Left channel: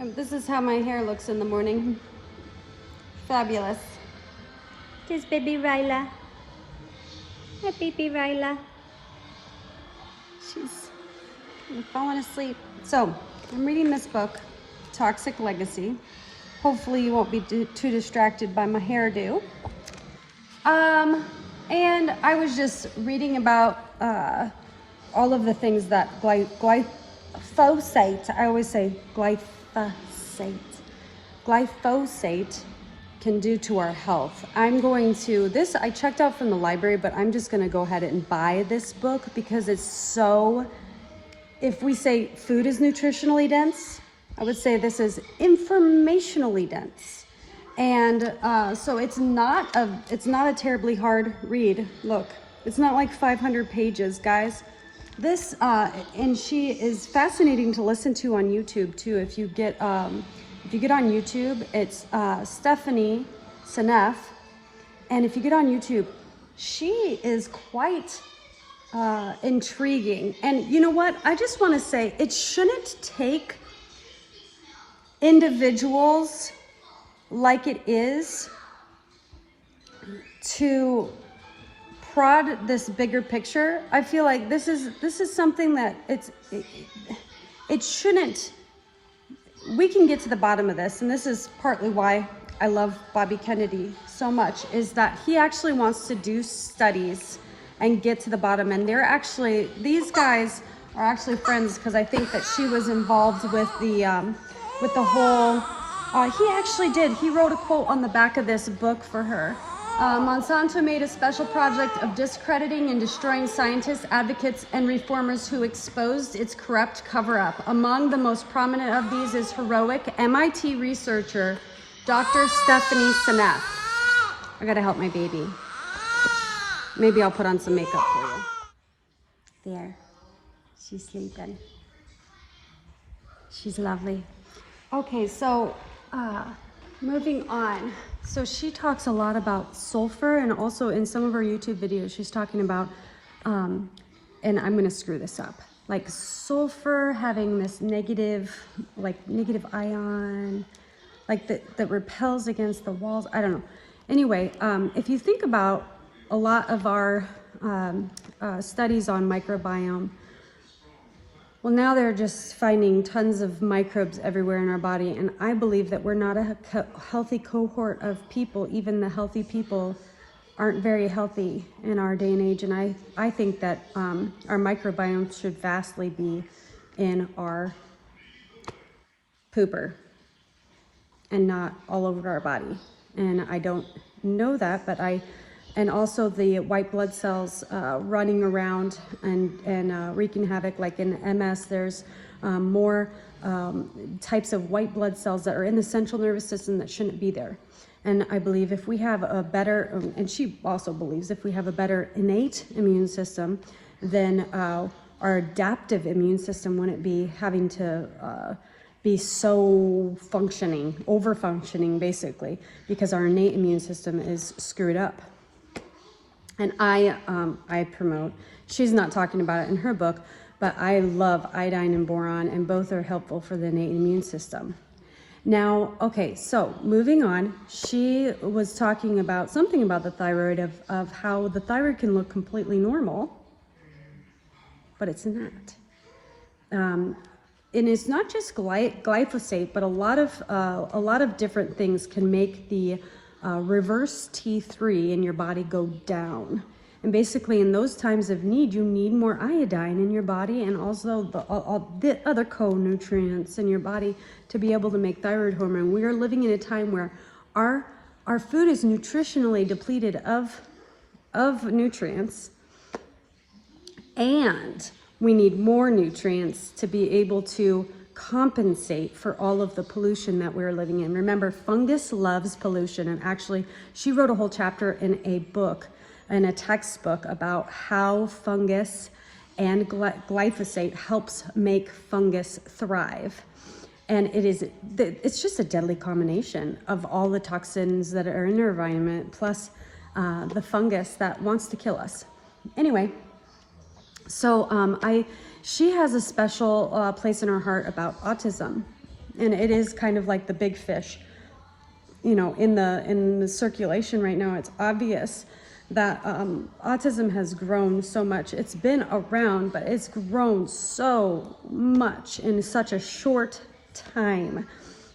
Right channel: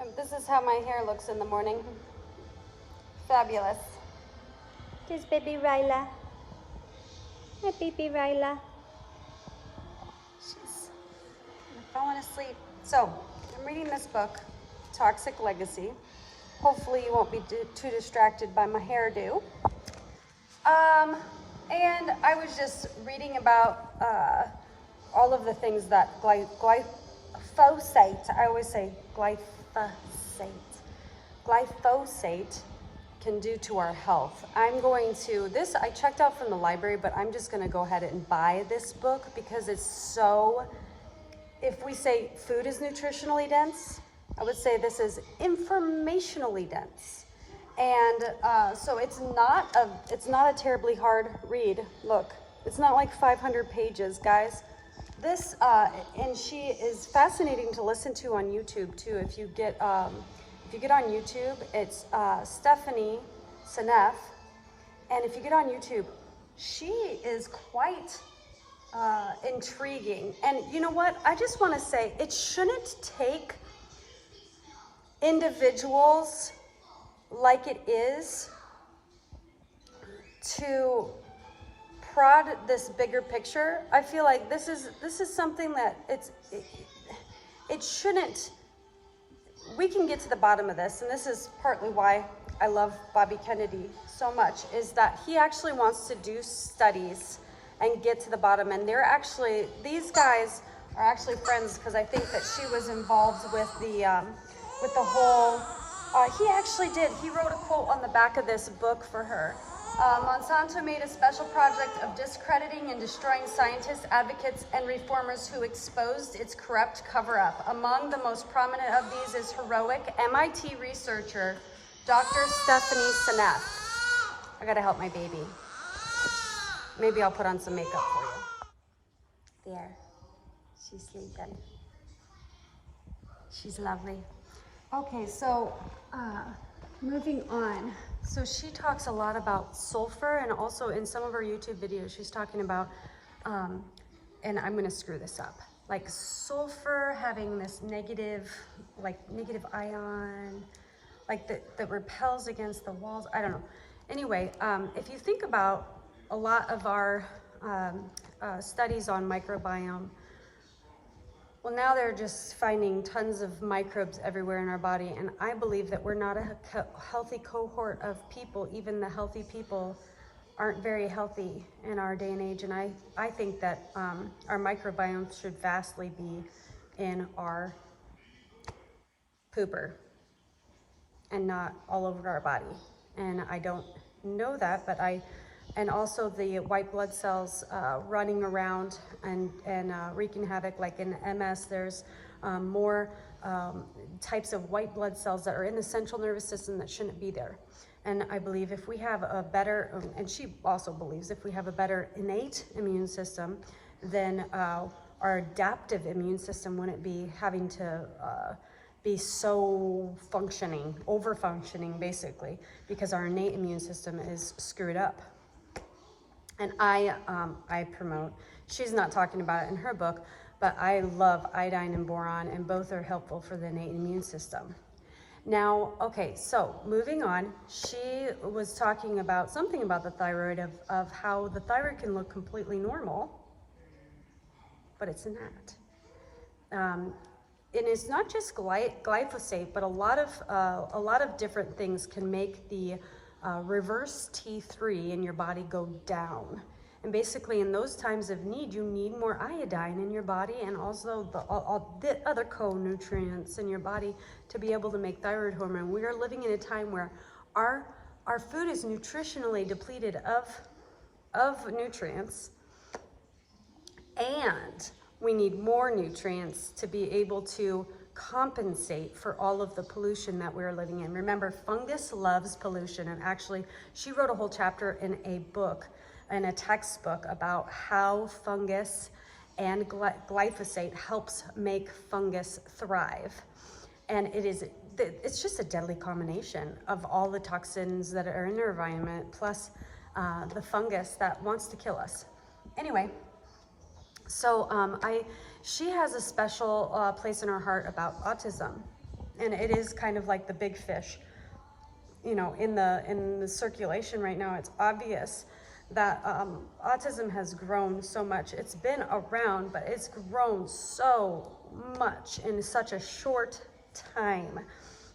And this is how my hair looks in the morning. Fabulous. This baby Ryla. Hi, baby Ryla. She's kind of falling asleep. So, I'm reading this book, Toxic Legacy. Hopefully you won't be too distracted by my hairdo. And I was just reading about all of the things that glyphosate, I always say glyphosate can do to our health. I'm going to, I checked out from the library, but I'm just gonna go ahead and buy this book because it's so, if we say food is nutritionally dense, I would say this is informationally dense. And so it's not a terribly hard read. Look, it's not like 500 pages, guys. This, and she is fascinating to listen to on YouTube too. If you get on YouTube, it's Stephanie Seneff. And if you get on YouTube, she is quite intriguing. And you know what? I just want to say it shouldn't take individuals like it is to prod this bigger picture. I feel like this is something that it shouldn't. We can get to the bottom of this, and this is partly why I love Bobby Kennedy so much, is that he actually wants to do studies and get to the bottom. And these guys are actually friends, because I think that she was involved with the whole. He actually did. He wrote a quote on the back of this book for her. Monsanto made a special project of discrediting and destroying scientists, advocates, and reformers who exposed its corrupt cover-up. Among the most prominent of these is heroic MIT researcher, Dr. Stephanie Seneff. I gotta help my baby. Maybe I'll put on some makeup for you. There. She's sleeping. She's lovely. Okay, so moving on. So she talks a lot about sulfur, and also in some of her YouTube videos, she's talking about, and I'm gonna screw this up, like sulfur having this negative ion, like that repels against the walls. I don't know. Anyway, if you think about a lot of our studies on microbiome, well, now they're just finding tons of microbes everywhere in our body, and I believe that we're not a healthy cohort of people. Even the healthy people aren't very healthy in our day and age, and I think that our microbiome should vastly be in our pooper and not all over our body. And I don't know that, but and also the white blood cells running around and wreaking havoc. Like in MS, there's more types of white blood cells that are in the central nervous system that shouldn't be there. And I believe if we have a better, and she also believes if we have a better innate immune system, then our adaptive immune system wouldn't be having to be so over-functioning basically, because our innate immune system is screwed up. And I promote, she's not talking about it in her book, but I love iodine and boron, and both are helpful for the innate immune system. Now, okay, so moving on, she was talking about something about the thyroid, of how the thyroid can look completely normal, but it's not. And it's not just glyphosate, but a lot of different things can make the reverse T3 in your body go down. And basically in those times of need, you need more iodine in your body, and also all the other co-nutrients in your body to be able to make thyroid hormone. We are living in a time where our food is nutritionally depleted of nutrients, and we need more nutrients to be able to compensate for all of the pollution that we're living in. Remember, fungus loves pollution, and actually she wrote a whole chapter in a book, in a textbook, about how fungus and glyphosate helps make fungus thrive. And it's just a deadly combination of all the toxins that are in our environment, plus the fungus that wants to kill us. Anyway, so she has a special place in her heart about autism. and it is kind of like the big fish, you know, in the circulation right now. It's obvious that autism has grown so much. It's been around, but it's grown so much in such a short time.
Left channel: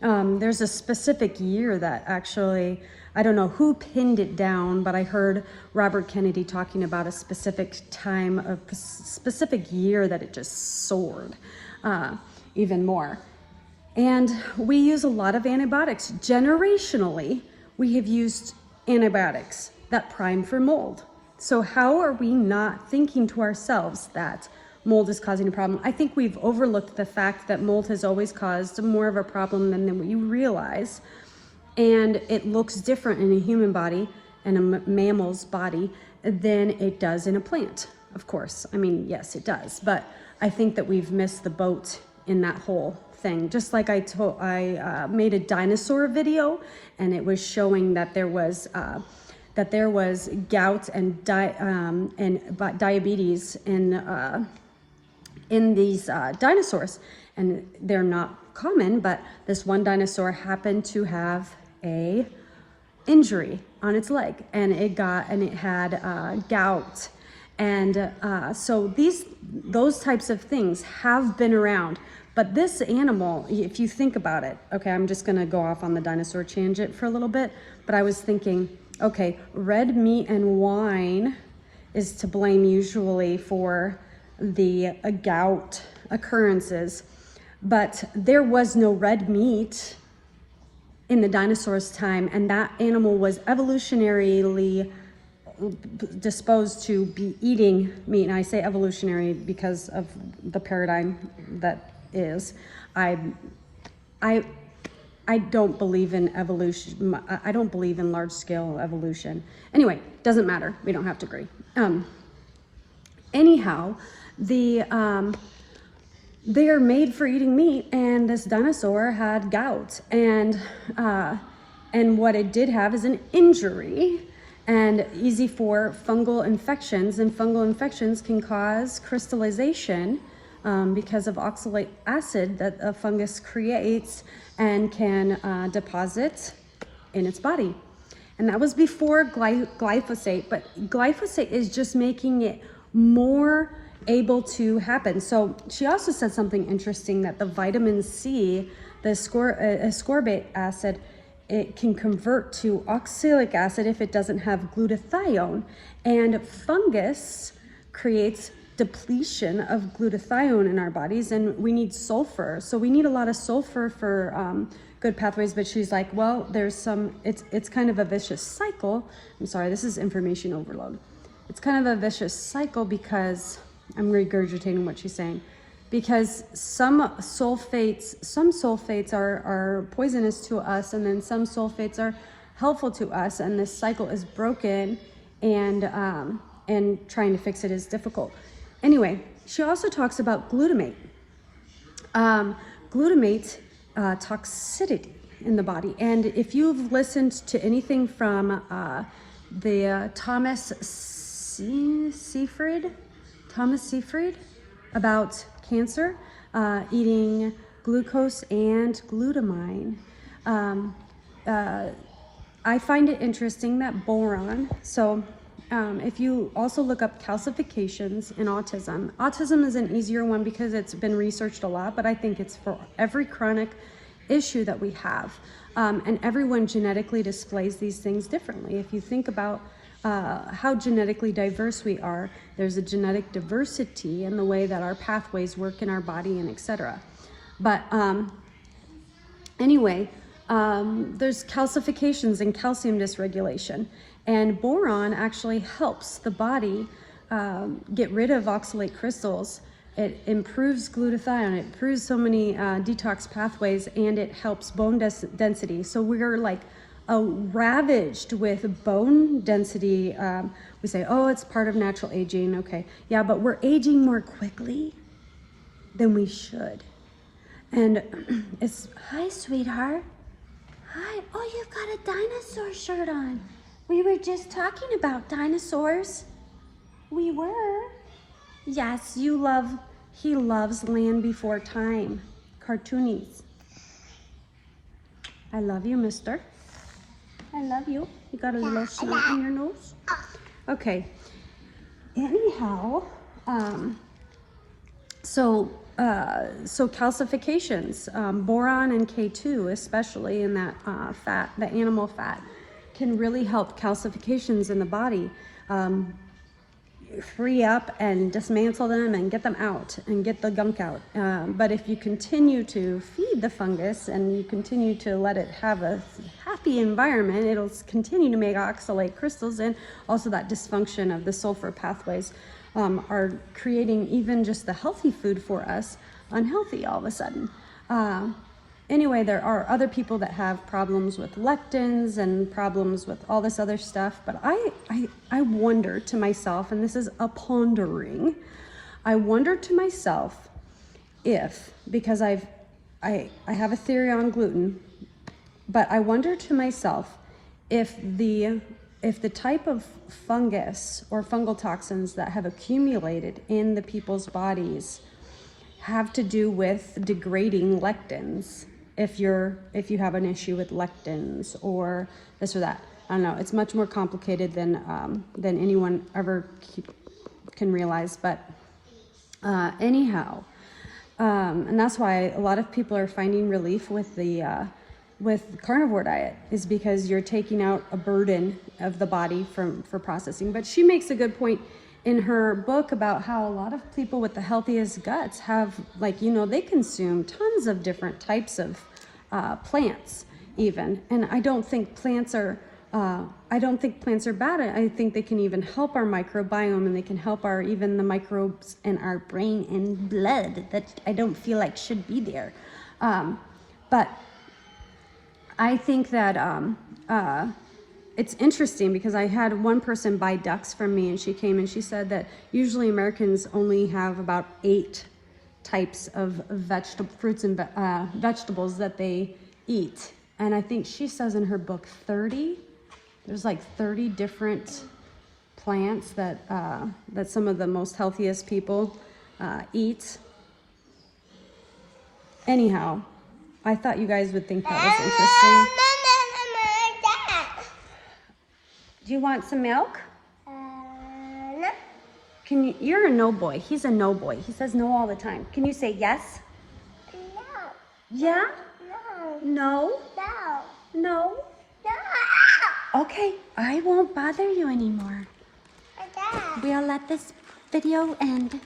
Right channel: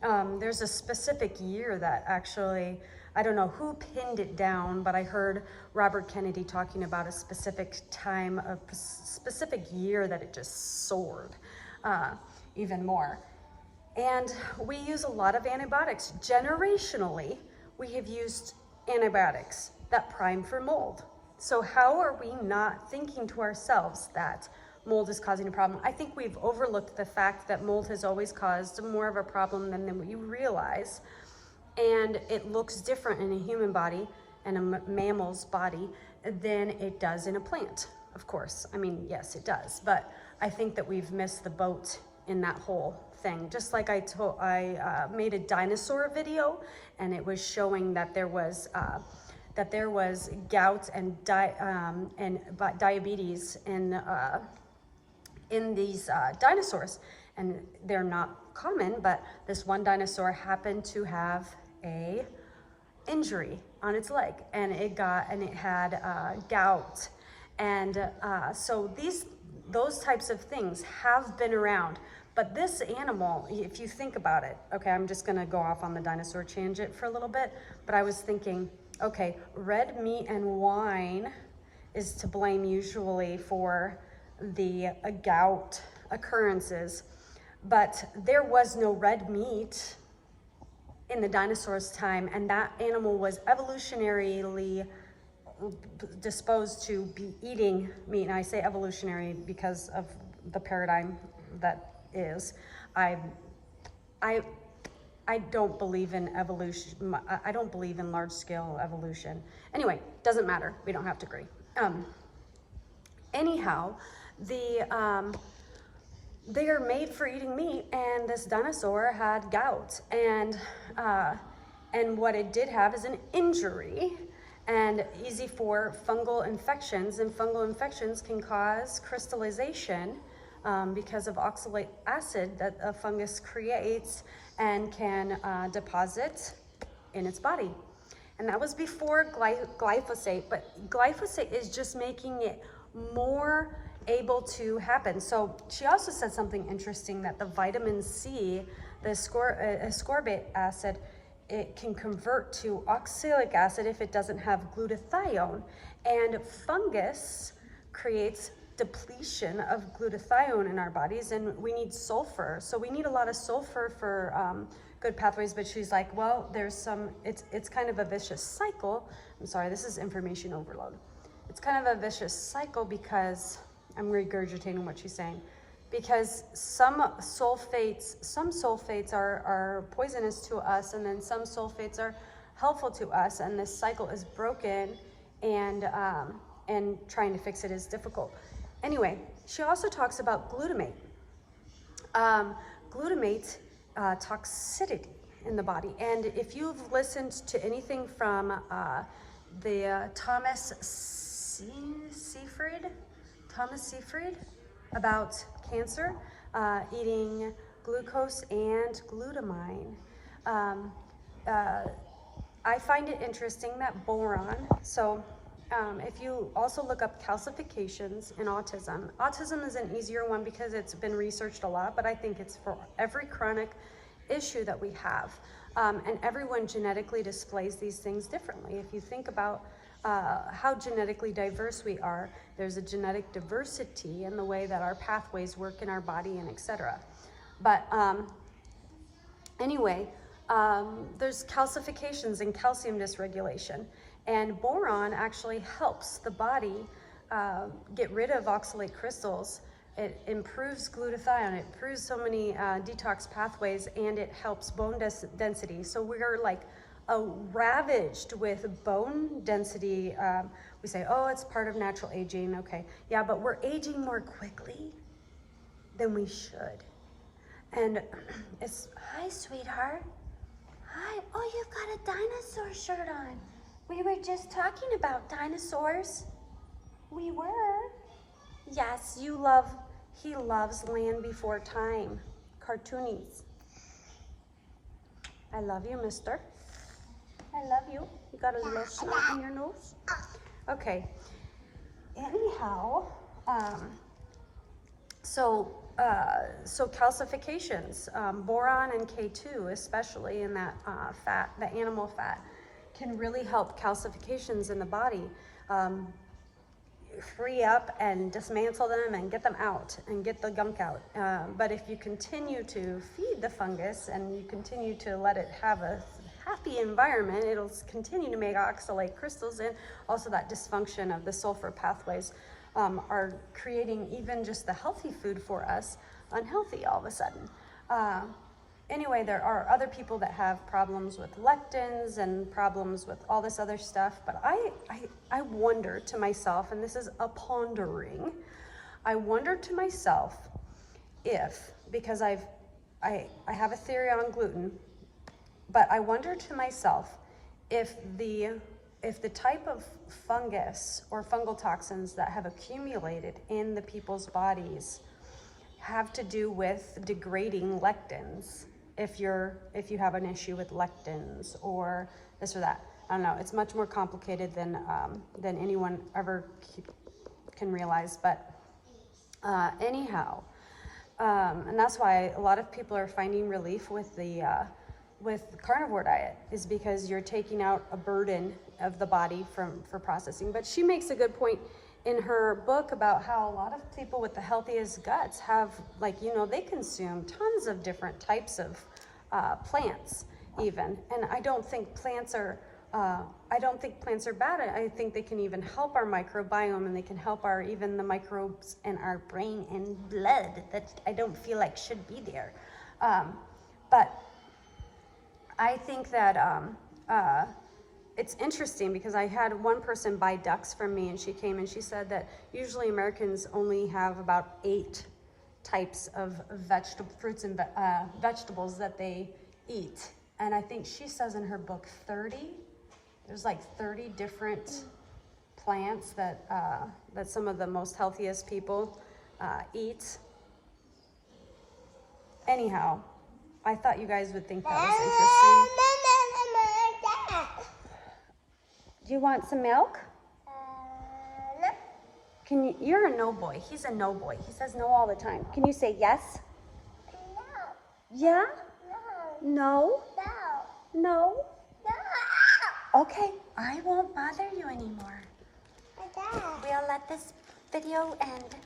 There's a specific year that actually, I don't know who pinned it down, but I heard Robert Kennedy talking about a specific time, a specific year that it just soared even more. And we use a lot of antibiotics. Generationally, we have used antibiotics that prime for mold. So how are we not thinking to ourselves that mold is causing a problem? I think we've overlooked the fact that mold has always caused more of a problem than we realize. And it looks different in a human body and a mammal's body than it does in a plant, of course. I mean, yes, it does. But I think that we've missed the boat in that whole thing. Just like I made a dinosaur video, and it was showing that there was gout and diabetes in these dinosaurs, and they're not common, but this one dinosaur happened to have a injury on its leg, and it had gout, and so those types of things have been around. But this animal, if you think about it, okay, I'm just gonna go off on the dinosaur tangent for a little bit, but I was thinking, okay, red meat and wine is to blame usually for the gout occurrences, but there was no red meat in the dinosaurs' time, and that animal was evolutionarily disposed to be eating meat. And I say evolutionary because of the paradigm that is. I don't believe in evolution. I don't believe in large-scale evolution. Anyway, doesn't matter. We don't have to agree. Anyhow, they are made for eating meat, and this dinosaur had gout, and what it did have is an injury, and easy for fungal infections, and fungal infections can cause crystallization because of oxalic acid that a fungus creates and can deposit in its body. And that was before glyphosate, but glyphosate is just making it more able to happen. So she also said something interesting, that the vitamin C, the ascorbate acid, it can convert to oxalic acid if it doesn't have glutathione, and fungus creates depletion of glutathione in our bodies, and we need sulfur. So we need a lot of sulfur for good pathways. But she's like, well, there's some, it's kind of a vicious cycle. I'm sorry, this is information overload. It's kind of a vicious cycle because I'm regurgitating what she's saying, because some sulfates are poisonous to us, and then some sulfates are helpful to us, and this cycle is broken, and trying to fix it is difficult. Anyway, she also talks about glutamate. Glutamate toxicity in the body, and if you've listened to anything from the Thomas Seyfried about cancer, eating glucose and glutamine. I find it interesting that boron, so if you also look up calcifications in autism, autism is an easier one because it's been researched a lot, but I think it's for every chronic issue that we have. And everyone genetically displays these things differently. If you think about how genetically diverse we are, there's a genetic diversity in the way that our pathways work in our body, and etc. But anyway, there's calcifications and calcium dysregulation, and boron actually helps the body get rid of oxalate crystals. It improves glutathione, it improves so many detox pathways, and it helps bone density. So we're like ravaged with bone density. We say, oh, it's part of natural aging. Okay, yeah, but we're aging more quickly than we should. And it's, hi, sweetheart. Hi, oh, you've got a dinosaur shirt on. We were just talking about dinosaurs. We were. Yes, he loves Land Before Time, cartoonies. I love you, mister. I love you. You got a little snot in your nose? Okay. Anyhow, so calcifications, boron and K2, especially in that fat, the animal fat, can really help calcifications in the body. Free up and dismantle them and get them out and get the gunk out. But if you continue to feed the fungus and you continue to let it have a happy environment, it'll continue to make oxalate crystals, and also that dysfunction of the sulfur pathways are creating even just the healthy food for us unhealthy all of a sudden. Anyway, there are other people that have problems with lectins and problems with all this other stuff, but I wonder to myself, and this is a pondering, I wonder to myself if, because I have a theory on gluten, but I wonder to myself if the type of fungus or fungal toxins that have accumulated in the people's bodies have to do with degrading lectins. If you have an issue with lectins or this or that, I don't know. It's much more complicated than anyone ever can realize. But anyhow, and that's why a lot of people are finding relief with the carnivore diet, is because you're taking out a burden of the body for processing. But she makes a good point in her book about how a lot of people with the healthiest guts have, like, you know, they consume tons of different types of plants even. And I don't think plants are bad. I think they can even help our microbiome, and they can help even the microbes in our brain and blood that I don't feel like should be there. But I think that it's interesting, because I had one person buy ducks from me, and she came and she said that usually Americans only have about 8 types of fruits and vegetables that they eat. And I think she says in her book 30. There's like 30 different plants that some of the most healthiest people eat. Anyhow, I thought you guys would think that was interesting. Do you want some milk? No. You're a no boy. He's a no boy. He says no all the time. Can you say yes? No. Yeah? No. No? No? Okay, I won't bother you anymore. We'll let this video end.